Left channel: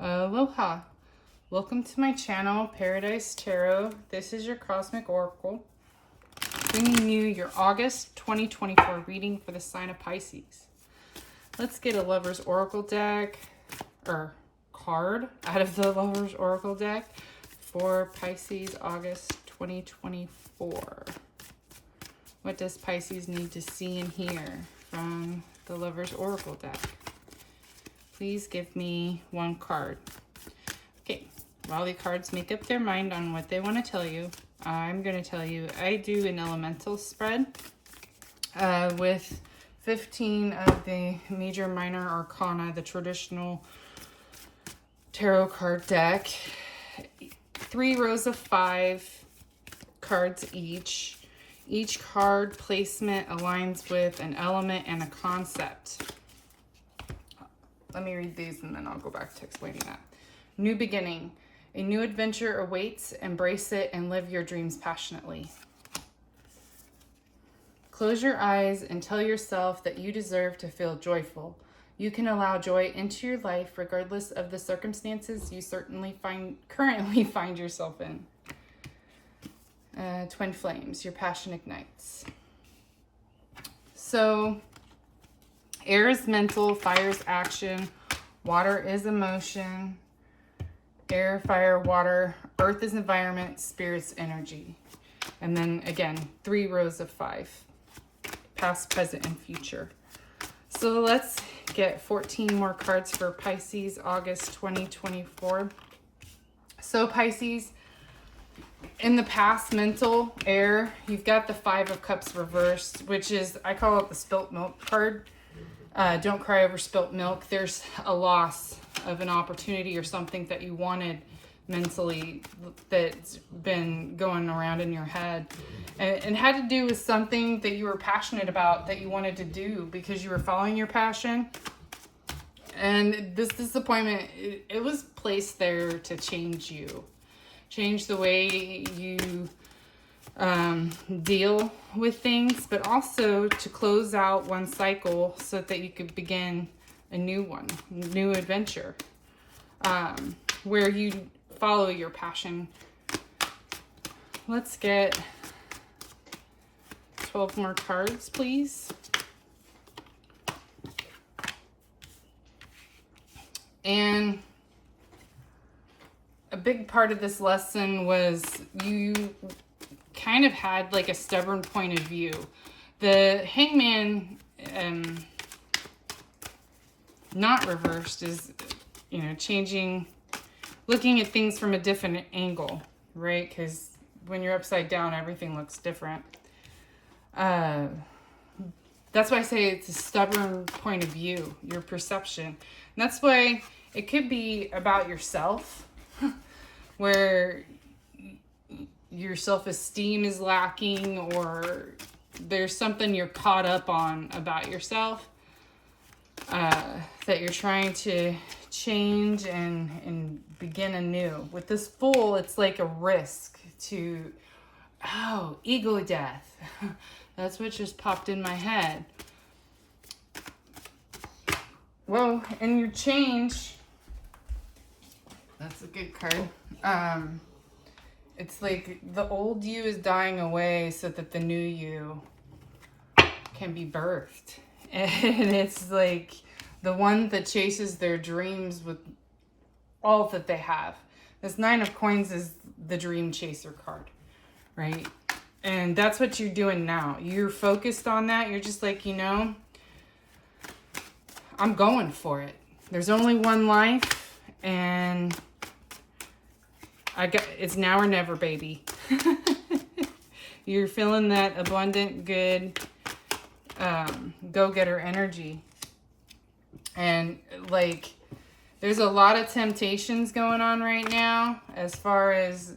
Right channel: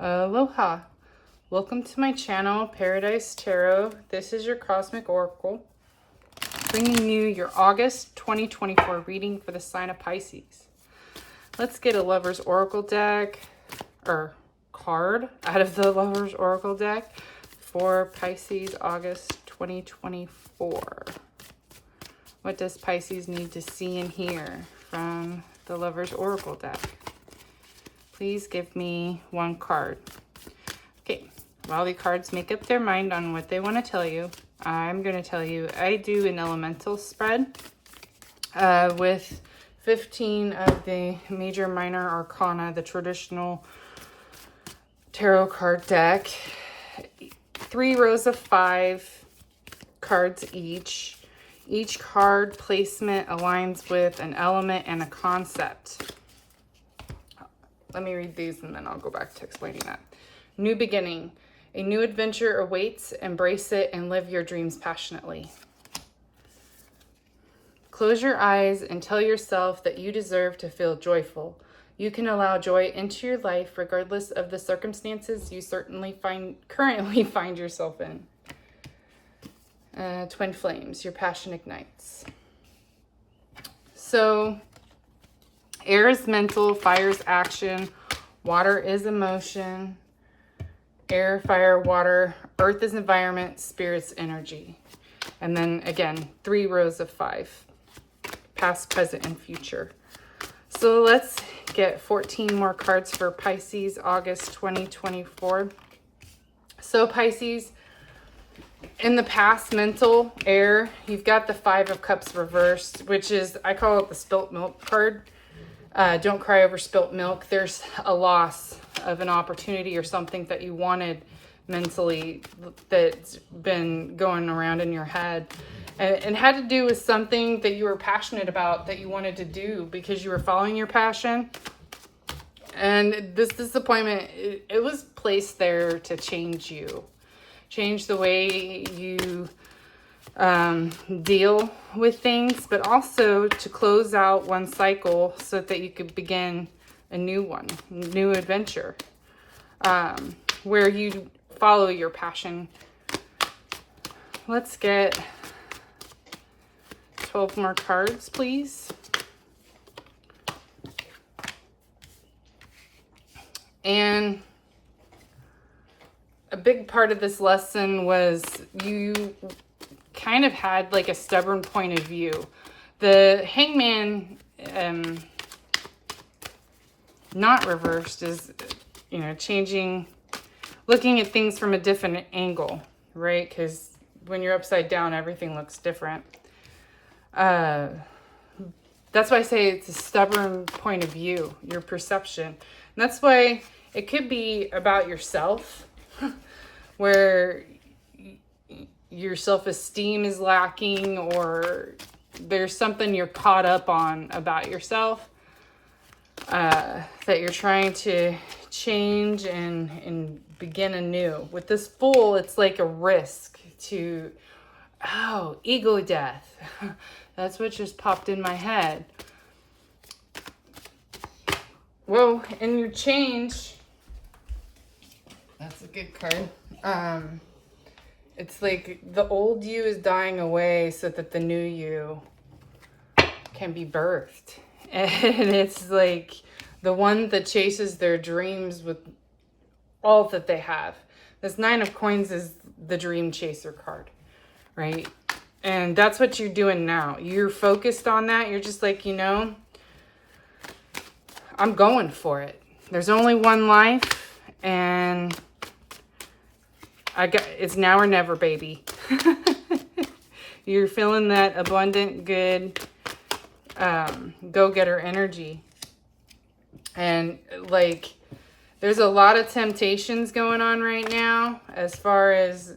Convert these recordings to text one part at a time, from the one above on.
Aloha. Welcome to my channel, Paradise Tarot. This is your Cosmic Oracle, bringing you your August 2024 reading for the sign of Pisces. Let's get a Lover's Oracle deck, or card, out of the Lover's Oracle deck for Pisces August 2024. What does Pisces need to see and hear from the Lover's Oracle deck? Please give me one card. Okay, while the cards make up their mind on what they want to tell you, I'm going to tell you I do an elemental spread with 15 of the major minor arcana, the traditional tarot card deck. 3 rows of 5 cards each. Each card placement aligns with an element and a concept. Let me read these and then I'll go back to explaining that. New beginning. A new adventure awaits. Embrace it and live your dreams passionately. Close your eyes and tell yourself that you deserve to feel joyful. You can allow joy into your life regardless of the circumstances you currently find yourself in. Twin flames. Your passion ignites. So, air is mental, fire is action, water is emotion, air, fire, water, earth is environment, spirit's energy. And then again, 3 rows of 5, past, present, and future. So let's get 14 more cards for Pisces, August 2024. So Pisces, in the past, mental, air, you've got the 5 of Cups reversed, which is, I call it the spilt milk card. Don't cry over spilt milk. There's a loss of an opportunity or something that you wanted mentally that's been going around in your head. And had to do with something that you were passionate about that you wanted to do because you were following your passion. And this disappointment, it was placed there to change you. Change the way you deal with things, but also to close out one cycle so that you could begin a new one, new adventure, where you follow your passion. Let's get 12 more cards, please. And a big part of this lesson was you kind of had like a stubborn point of view. The hangman, not reversed, is, changing, looking at things from a different angle, right? Because when you're upside down, everything looks different. That's why I say it's a stubborn point of view, your perception. And that's why it could be about yourself, where your self-esteem is lacking, or there's something you're caught up on about yourself that you're trying to change and begin anew. With this Fool, it's like a risk to, ego death. That's what just popped in my head. Well, in your change, that's a good card. It's like the old you is dying away so that the new you can be birthed. And it's like the one that chases their dreams with all that they have. This 9 of Coins is the dream chaser card, right? And that's what you're doing now. You're focused on that. You're just like, I'm going for it. There's only one life, and it's now or never, baby. You're feeling that abundant, good, go-getter energy. And like, there's a lot of temptations going on right now as far as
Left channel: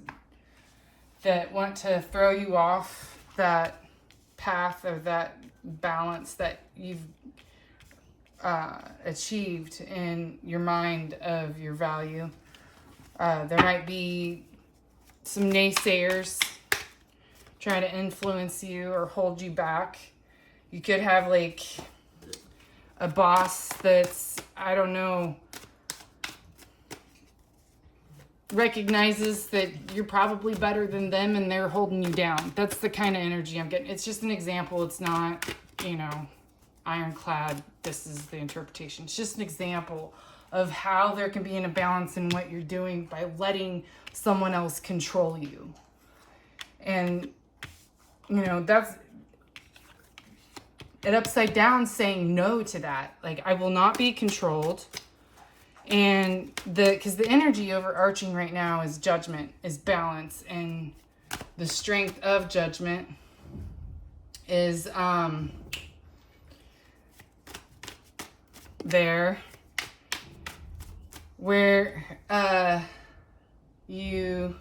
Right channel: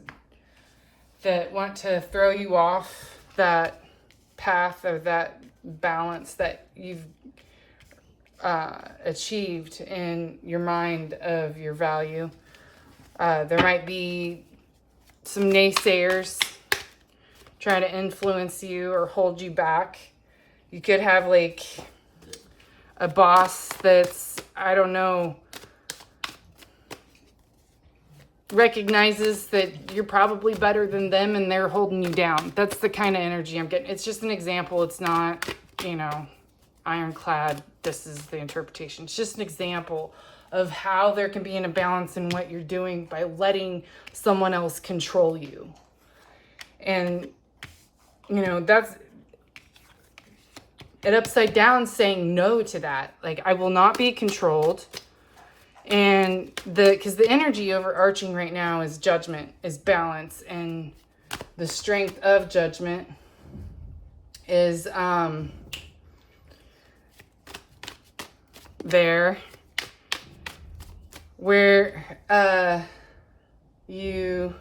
that want to throw you off that path or that balance that you've achieved in your mind of your value. There might be some naysayers trying to influence you or hold you back. You could have like a boss that's, I don't know, recognizes that you're probably better than them and they're holding you down. That's the kind of energy I'm getting. It's just an example. It's not, ironclad. This is the interpretation. It's just an example of how there can be an imbalance in what you're doing by letting someone else control you. And, that's it upside down, saying no to that. Like, I will not be controlled. And because the energy overarching right now is judgment, is balance, and the strength of judgment is there, where you've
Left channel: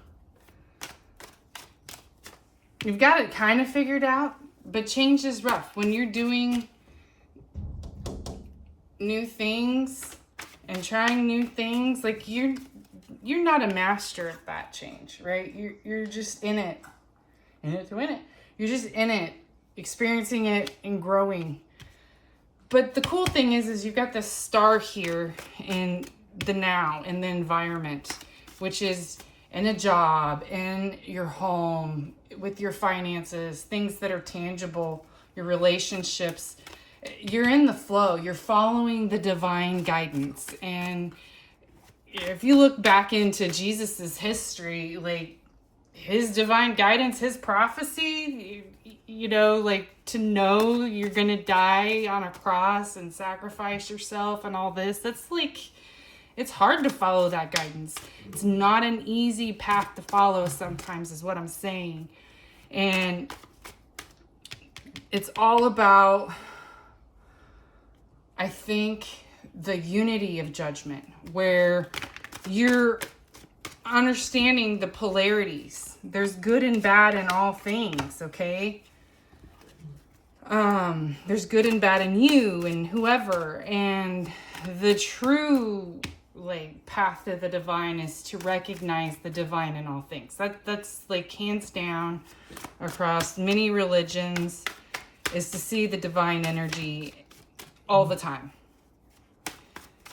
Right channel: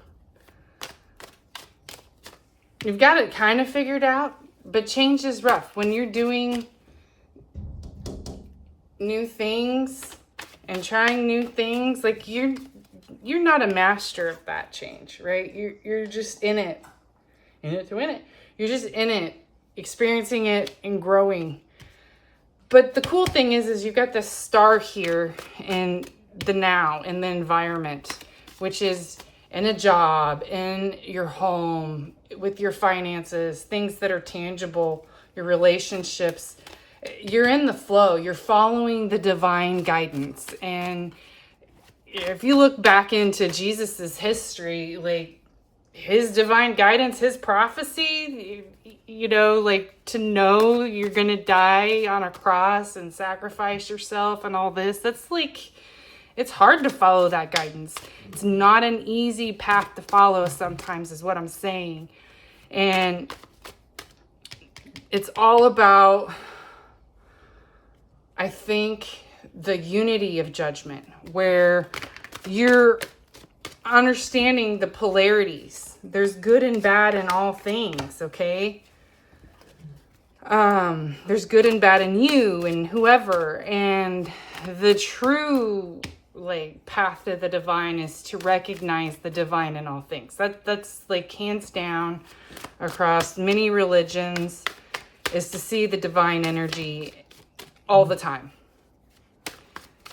got it kind of figured out, but change is rough. When you're doing new things and trying new things, like you're not a master of that change, right? You're just in it to win it. You're just in it, experiencing it and growing. But the cool thing is you've got this star here in the now, in the environment, which is in a job, in your home, with your finances, things that are tangible, your relationships. You're in the flow. You're following the divine guidance. And if you look back into Jesus's history, like his divine guidance, his prophecy, to know you're going to die on a cross and sacrifice yourself and all this, that's like, it's hard to follow that guidance. It's not an easy path to follow sometimes, is what I'm saying. And it's all about, I think, the unity of judgment, where you're understanding the polarities. There's good and bad in all things, okay? There's good and bad in you and whoever. And the true path to the divine is to recognize the divine in all things. That's hands down across many religions, is to see the divine energy all the time.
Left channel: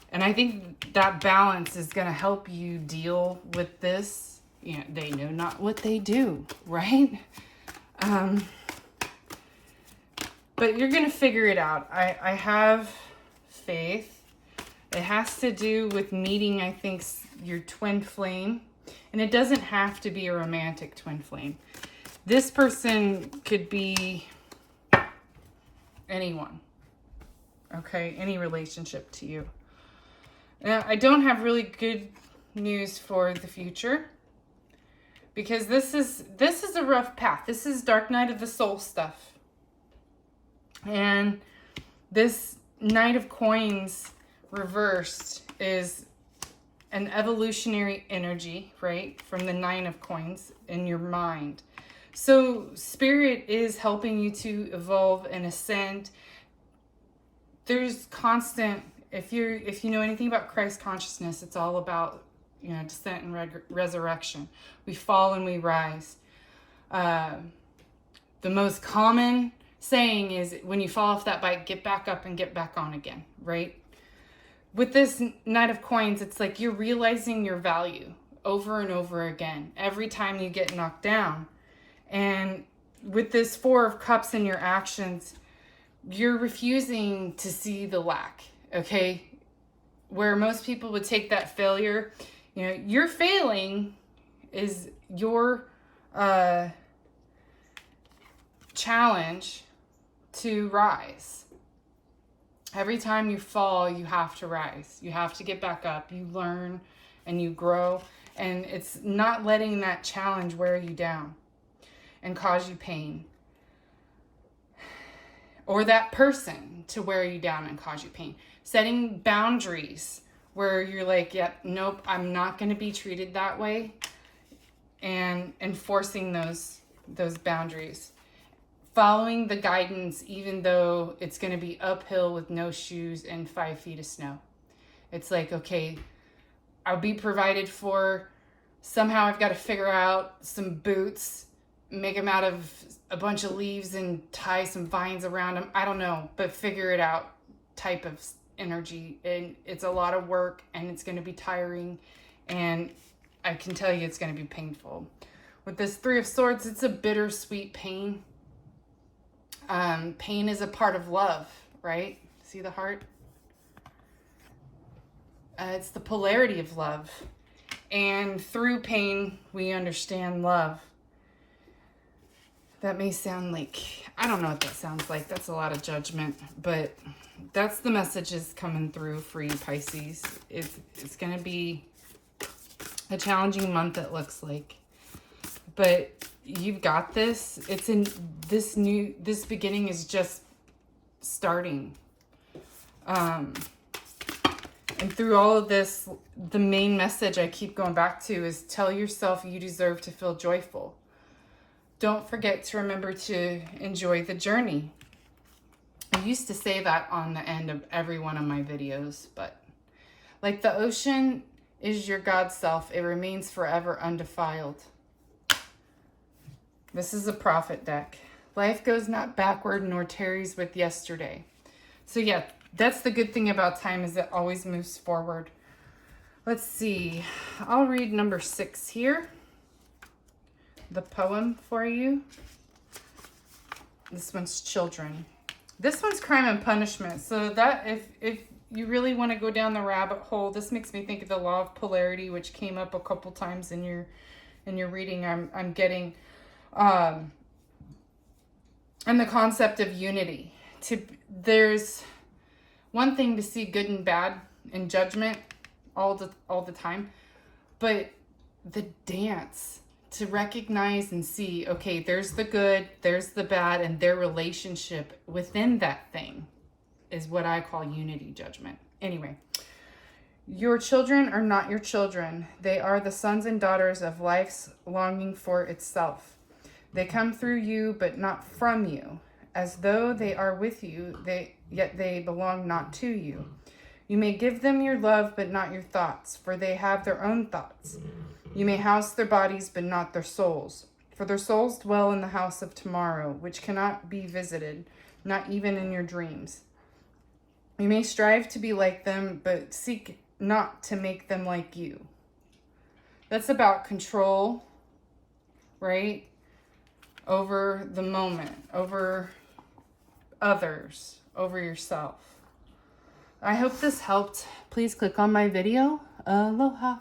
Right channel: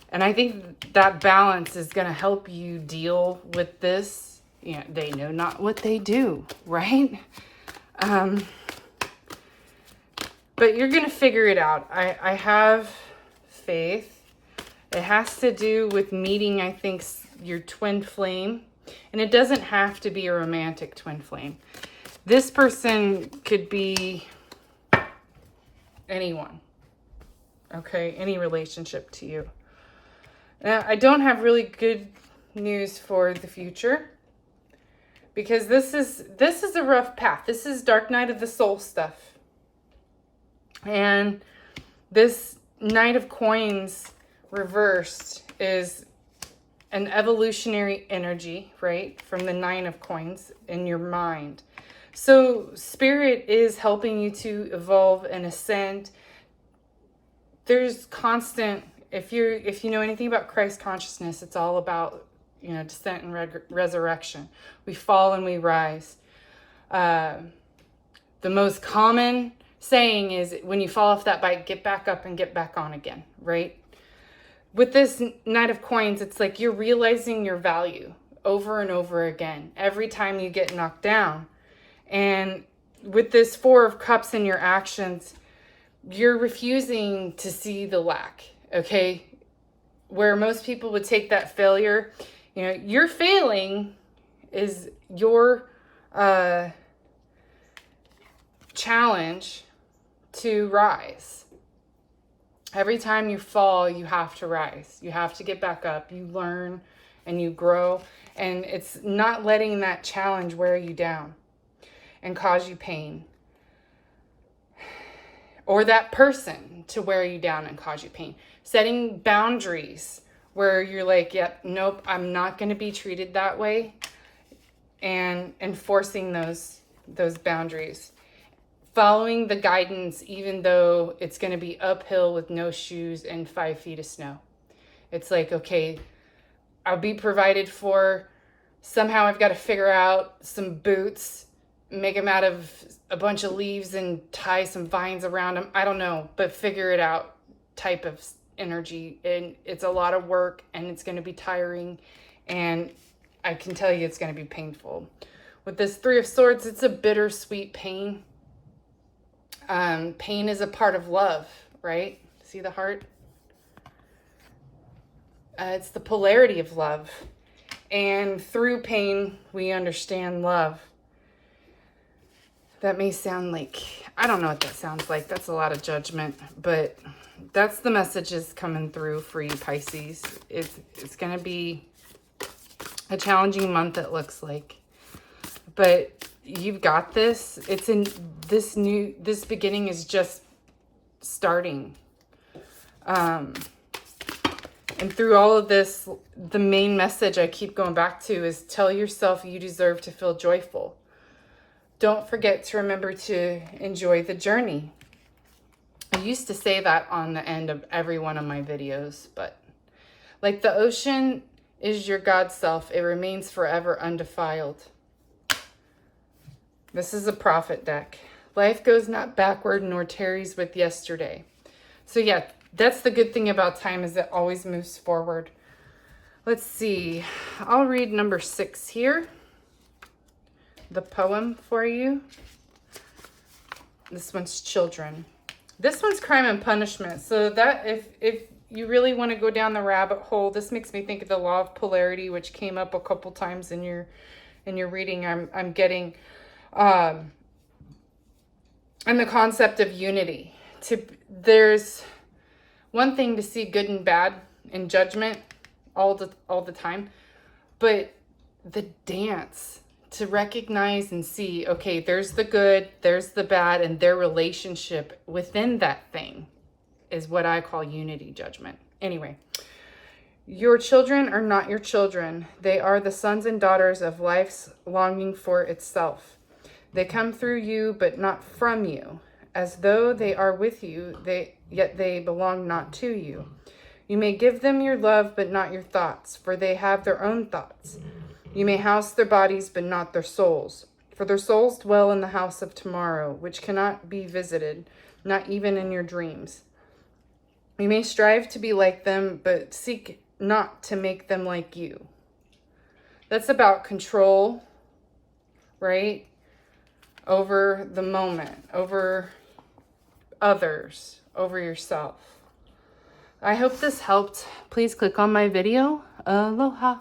And I think that balance is going to help you deal with this. They know not what they do, right? But you're going to figure it out. I have faith. It has to do with meeting, I think, your twin flame. And it doesn't have to be a romantic twin flame. This person could be anyone. Okay? Any relationship to you. Now, I don't have really good news for the future, because this is a rough path. This is dark night of the soul stuff. And this Knight of Coins reversed is an evolutionary energy, right? From the Nine of Coins in your mind. So Spirit is helping you to evolve and ascend. There's constant, if you know anything about Christ consciousness, it's all about, descent and resurrection. We fall and we rise. The most common saying is, when you fall off that bike, get back up and get back on again, right? With this Knight of Coins, it's like you're realizing your value over and over again, every time you get knocked down. And with this Four of Cups in your actions, you're refusing to see the lack, okay? Where most people would take that failure, your failing is your challenge to rise. Every time you fall, you have to rise. You have to get back up. You learn and you grow. And it's not letting that challenge wear you down and cause you pain. Or that person to wear you down and cause you pain. Setting boundaries where you're like, yep, nope, I'm not going to be treated that way. And enforcing those boundaries. Following the guidance, even though it's going to be uphill with no shoes and 5 feet of snow. It's like, okay, I'll be provided for. Somehow I've got to figure out some boots, make them out of a bunch of leaves and tie some vines around them. I don't know, but figure it out type of energy. And it's a lot of work and it's going to be tiring. And I can tell you it's going to be painful. With this Three of Swords, it's a bittersweet pain. Pain is a part of love, right? See the heart? It's the polarity of love. And through pain, we understand love. That may sound like, I don't know what that sounds like. That's a lot of judgment, but that's the messages coming through for you, Pisces. It's going to be a challenging month, it looks like. But you've got this. It's in this beginning is just starting. And through all of this, the main message I keep going back to is tell yourself you deserve to feel joyful. Don't forget to remember to enjoy the journey. I used to say that on the end of every one of my videos, but like the ocean is your God self, it remains forever undefiled. This is a prophet deck. Life goes not backward nor tarries with yesterday. So yeah, that's the good thing about time, is it always moves forward. Let's see. I'll read number 6 here. The poem for you. This one's children. This one's crime and punishment. So that if you really want to go down the rabbit hole, this makes me think of the law of polarity, which came up a couple times in your reading. I'm getting and the concept of unity. There's one thing to see good and bad in judgment all the time, but the dance to recognize and see, okay, there's the good, there's the bad, and their relationship within that thing is what I call unity judgment. Anyway, your children are not your children. They are the sons and daughters of life's longing for itself. They come through you, but not from you. As though they are with you, yet they belong not to you. You may give them your love, but not your thoughts, for they have their own thoughts. You may house their bodies, but not their souls, for their souls dwell in the house of tomorrow, which cannot be visited, not even in your dreams. You may strive to be like them, but seek not to make them like you. That's about control, right? Over the moment, over others, over yourself. I hope this helped. Please click on my video. Aloha.